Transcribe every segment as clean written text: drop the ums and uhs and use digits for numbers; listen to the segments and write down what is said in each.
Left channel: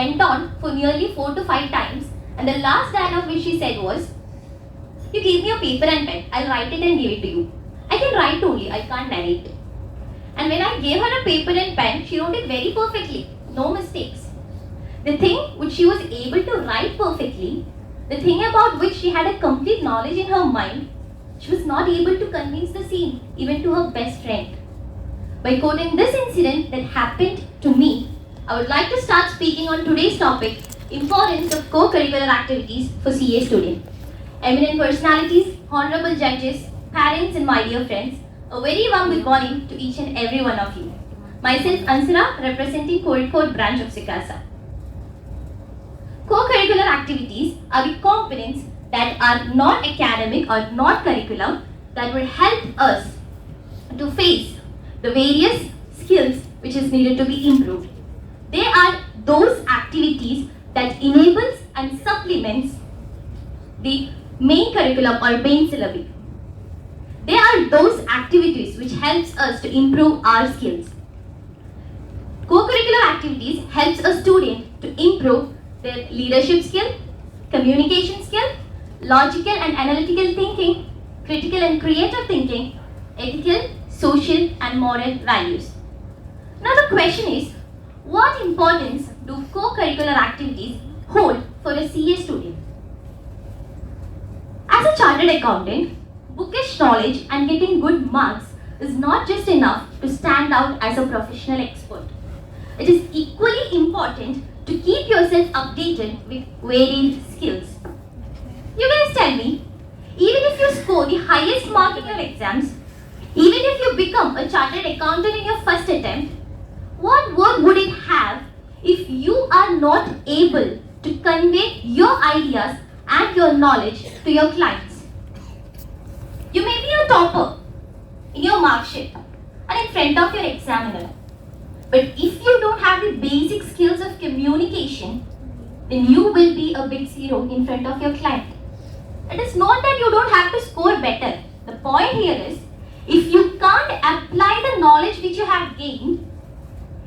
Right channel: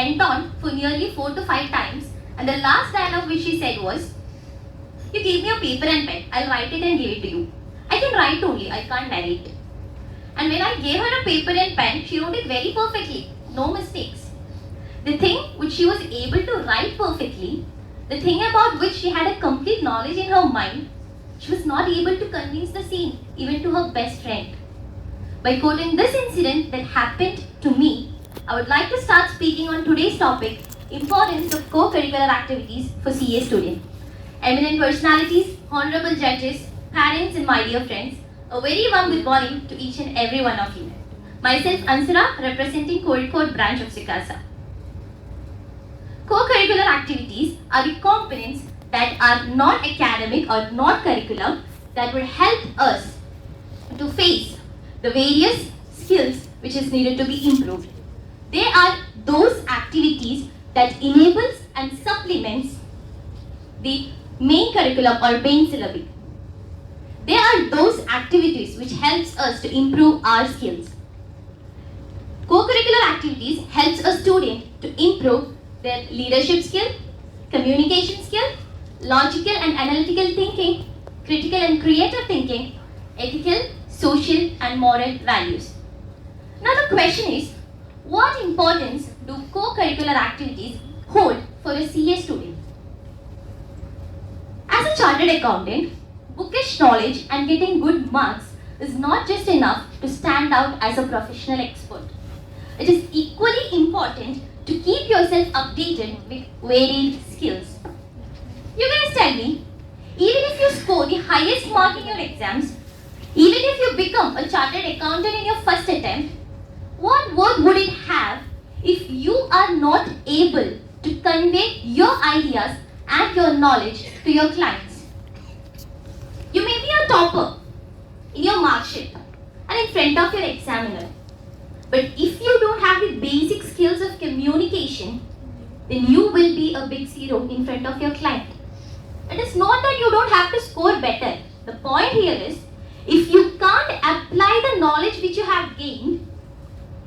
went on for nearly 4 to 5 times, and the last dialogue which she said was, "You give me a paper and pen, I'll write it and give it to you. I can write only, I can't narrate." And when I gave her a paper and pen, she wrote it very perfectly, no mistakes. The thing which she was able to write perfectly, the thing about which she had a complete knowledge in her mind, she was not able to convince the same even to her best friend. By quoting this incident that happened to me, I would like to start speaking on today's topic, importance of co-curricular activities for CA students. Eminent personalities, honorable judges, parents and my dear friends, a very warm good morning to each and every one of you. Myself Ansara, representing Kozhikode branch of CICASA. Co-curricular activities are the components that are non-academic or non-curricular that will help us to face the various skills which is needed to be improved. They are those activities that enables and supplements the main curriculum or main syllabi. They are those activities which helps us to improve our skills. Co-curricular activities helps a student to improve their leadership skill, communication skill, logical and analytical thinking, critical and creative thinking, ethical, social and moral values. Now the question is, what importance do co-curricular activities hold for a CA student? As a chartered accountant, bookish knowledge and getting good marks is not just enough to stand out as a professional expert. It is equally important to keep yourself updated with varied skills. You guys tell me, even if you score the highest mark in your exams, even if you become a chartered accountant in your first attempt, what worth would it have if you are not able to convey your ideas and your knowledge to your clients? You may be a topper in your mark sheet and in front of your examiner, but if you don't have the basic skills of communication, then you will be a big zero in front of your client. It is not that you don't have to score better. The point here is, if you can't apply the knowledge which you have gained,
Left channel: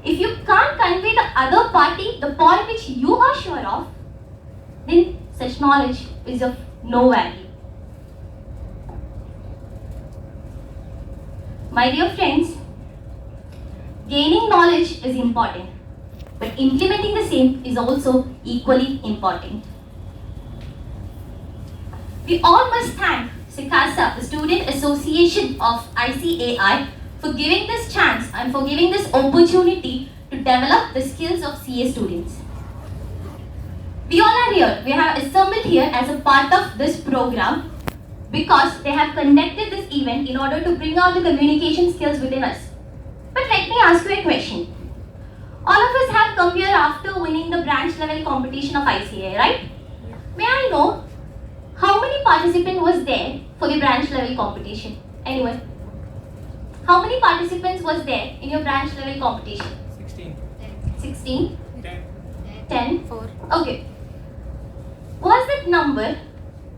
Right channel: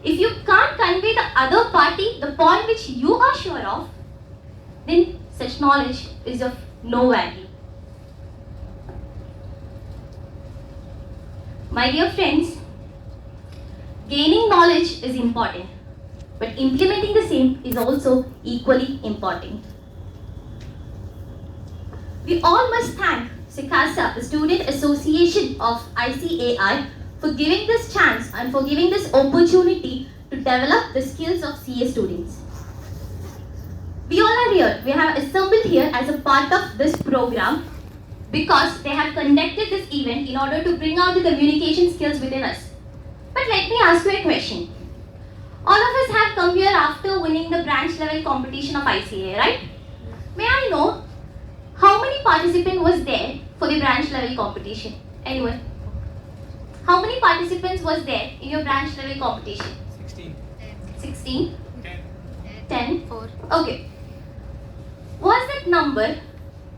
if you can't convey the other party the point which you are sure of, then such knowledge is of no value. My dear friends, gaining knowledge is important, but implementing the same is also equally important. We all must thank CICASA, the Student Association of ICAI, for giving this chance and for giving this opportunity to develop the skills of CA students. We all are here. We have assembled here as a part of this program because they have conducted this event in order to bring out the communication skills within us. But let me ask you a question. All of us have come here after winning the branch level competition of ICAI, right? May I know how many participants was there for the branch level competition? Anyone? How many participants was there in your branch level competition? 16. 16? 10. 10? 4. Okay. Was that number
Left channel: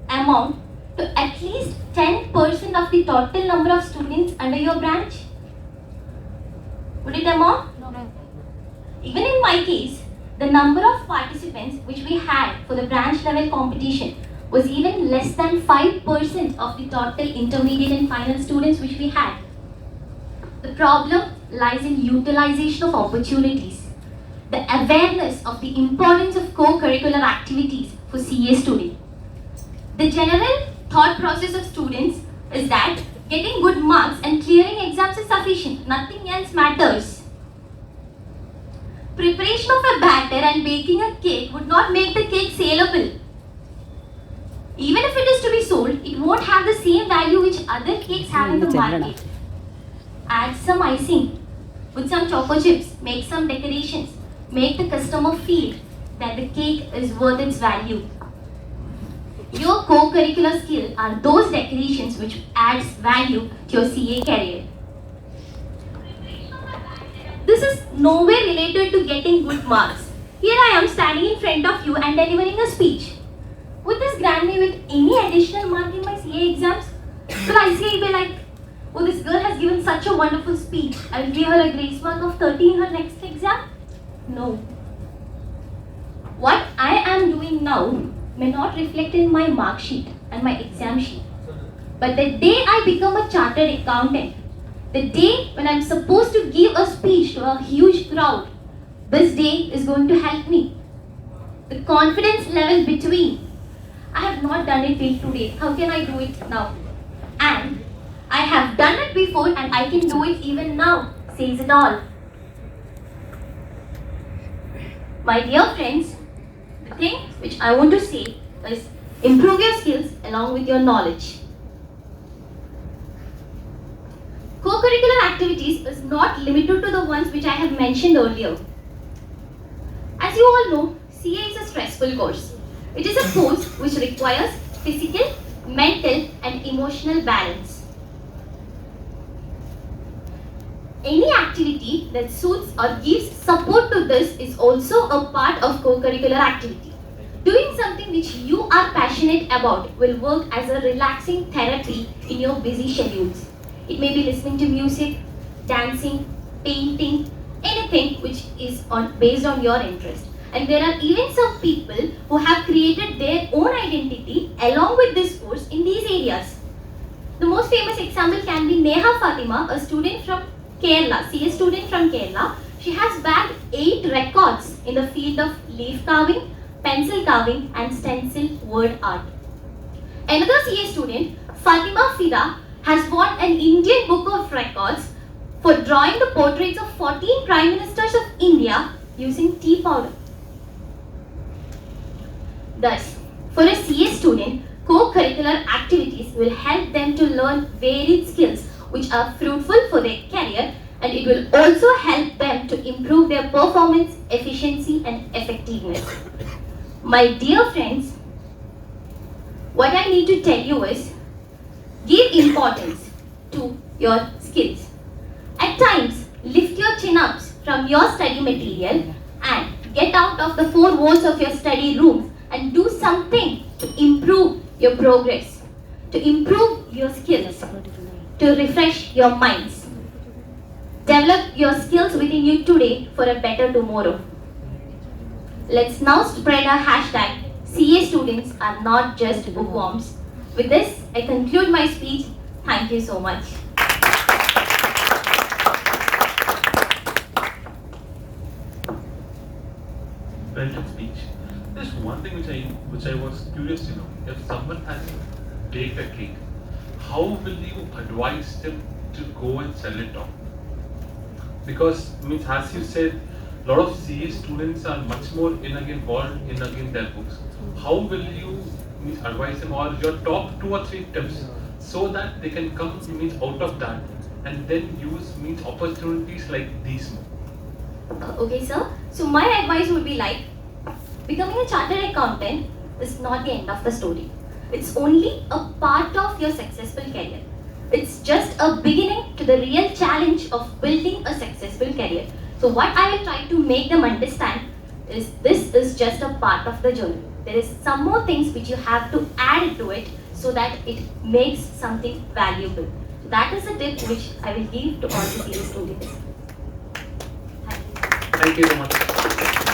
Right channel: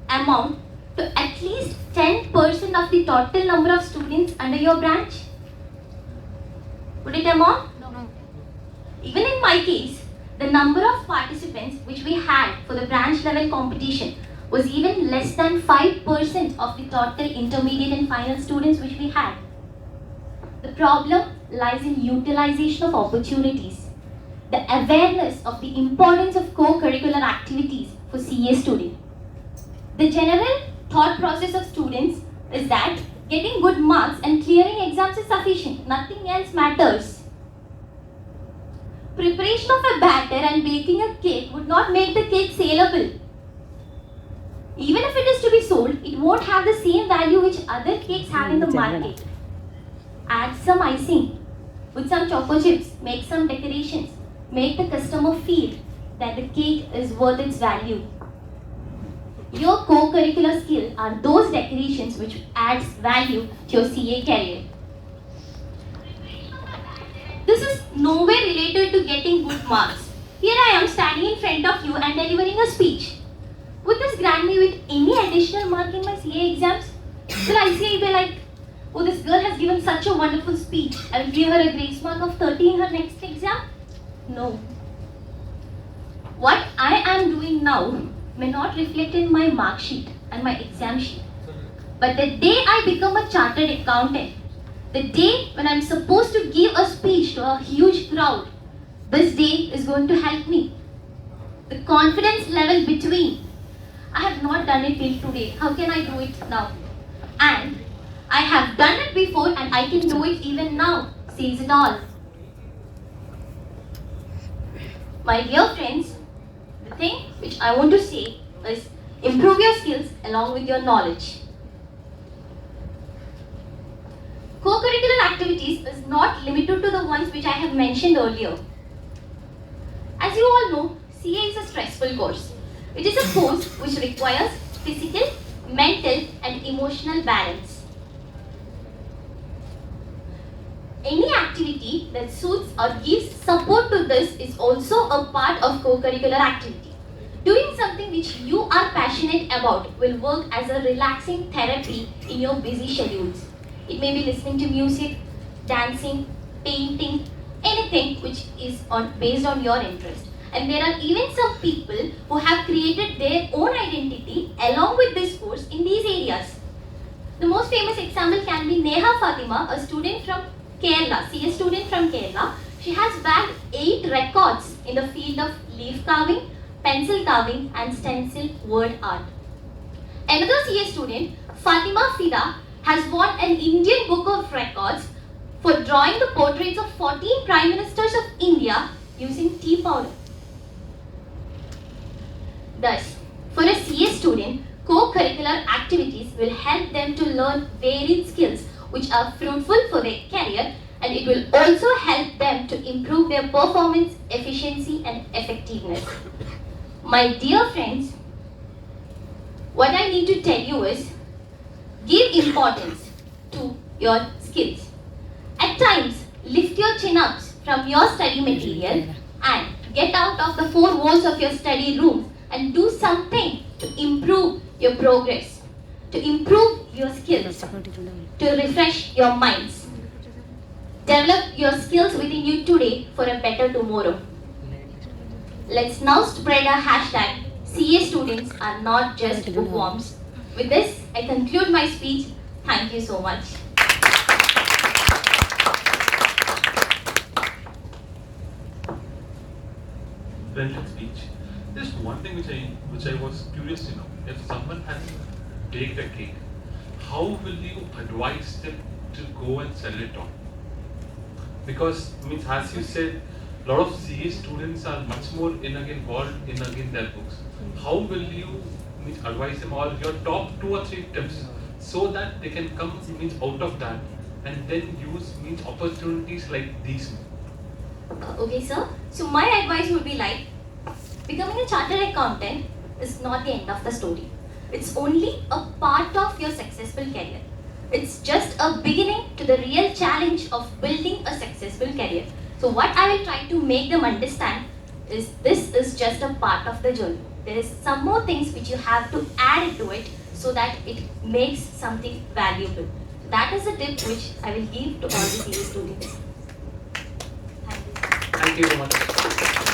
amount to at least 10% of the total number of students under your branch? Would it amount? No. Even in my case, the number of participants which we had for the branch level competition was even less than 5% of the total intermediate and final students which we had. The problem lies in utilization of opportunities, the awareness of the importance of co-curricular activities for CA students. The general thought process of students is that getting good marks and clearing exams is sufficient, nothing else matters. Preparation of a batter and baking a cake would not make the cake saleable. Even if it is to be sold, it won't have the same value which other cakes have in the market. Add some icing, put some choco chips, make some decorations, make the customer feel that the cake is worth its value. Your co-curricular skills are those decorations which adds value to your CA career. This is nowhere related to getting good marks. Here I am standing in front of you and delivering a speech. Would this grant me with any additional mark in my CA exams? Will ICAI be like, oh, this girl has given such a wonderful speech, I will give her a grace mark of 30 in her next exam? No. What I am doing now may not reflect in my mark sheet and my exam sheet. But the day I become a chartered accountant, the day when I'm supposed to give a speech to a huge crowd, this day is going to help me. The confidence level between, I have not done it till today, how can I do it now? And I have done it before and I can do it even now, says it all. My dear friends, the thing which I want to say is improve your skills along with your knowledge. Co-curricular activities is not limited to the ones which I have mentioned earlier. As you all know, CA is a stressful course. It is a course which requires physical, mental and emotional balance. Any activity that suits or gives support to this is also a part of co-curricular activity. Doing something which you are passionate about will work as a relaxing therapy in your busy schedules. It may be listening to music, dancing, painting, anything which is based on your interest. And there are even some people who have created their own identity along with this course in these areas. The most famous example can be Neha Fatima, a student from Kerala, CA student from Kerala. She has bagged 8 records in the field of leaf carving, pencil carving and stencil word art. Another CA student, Fatima Fida, has won an Indian Book of Records for drawing the portraits of 14 Prime Ministers of India using tea powder. Thus, for a CA student, co-curricular activities will help them to learn varied skills which are fruitful for their career, and it will also help them to improve their performance, efficiency and effectiveness. My dear friends, what I need to tell you is, give importance to your skills. At times, lift your chin-ups from your study material and get out of the 4 walls of your study room and do something to improve your progress, to improve your skills, to refresh your minds. Develop your skills within you today for a better tomorrow. Let's now spread our hashtag, CA students are not just bookworms. With this, I conclude my speech. Thank you so much. Brilliant speech. There's one thing which I was curious to know. If someone has baked a cake, how will you advise them to go and sell it on? Because as you said, a lot of CA students are much more involved in their books. How will you advise them, or your top 2 or 3 tips so that they can come out of that and then use opportunities like these? Okay, sir. So my advice would be like, becoming a chartered accountant is not the end of the story. It's only a part of your successful career. It's just a beginning to the real challenge of building a successful career. So what I will try to make them understand is this is just a part of the journey. There is some more things which you have to add into it so that it makes something valuable. So that is the tip which I will give to all the CA students. Thank you very much.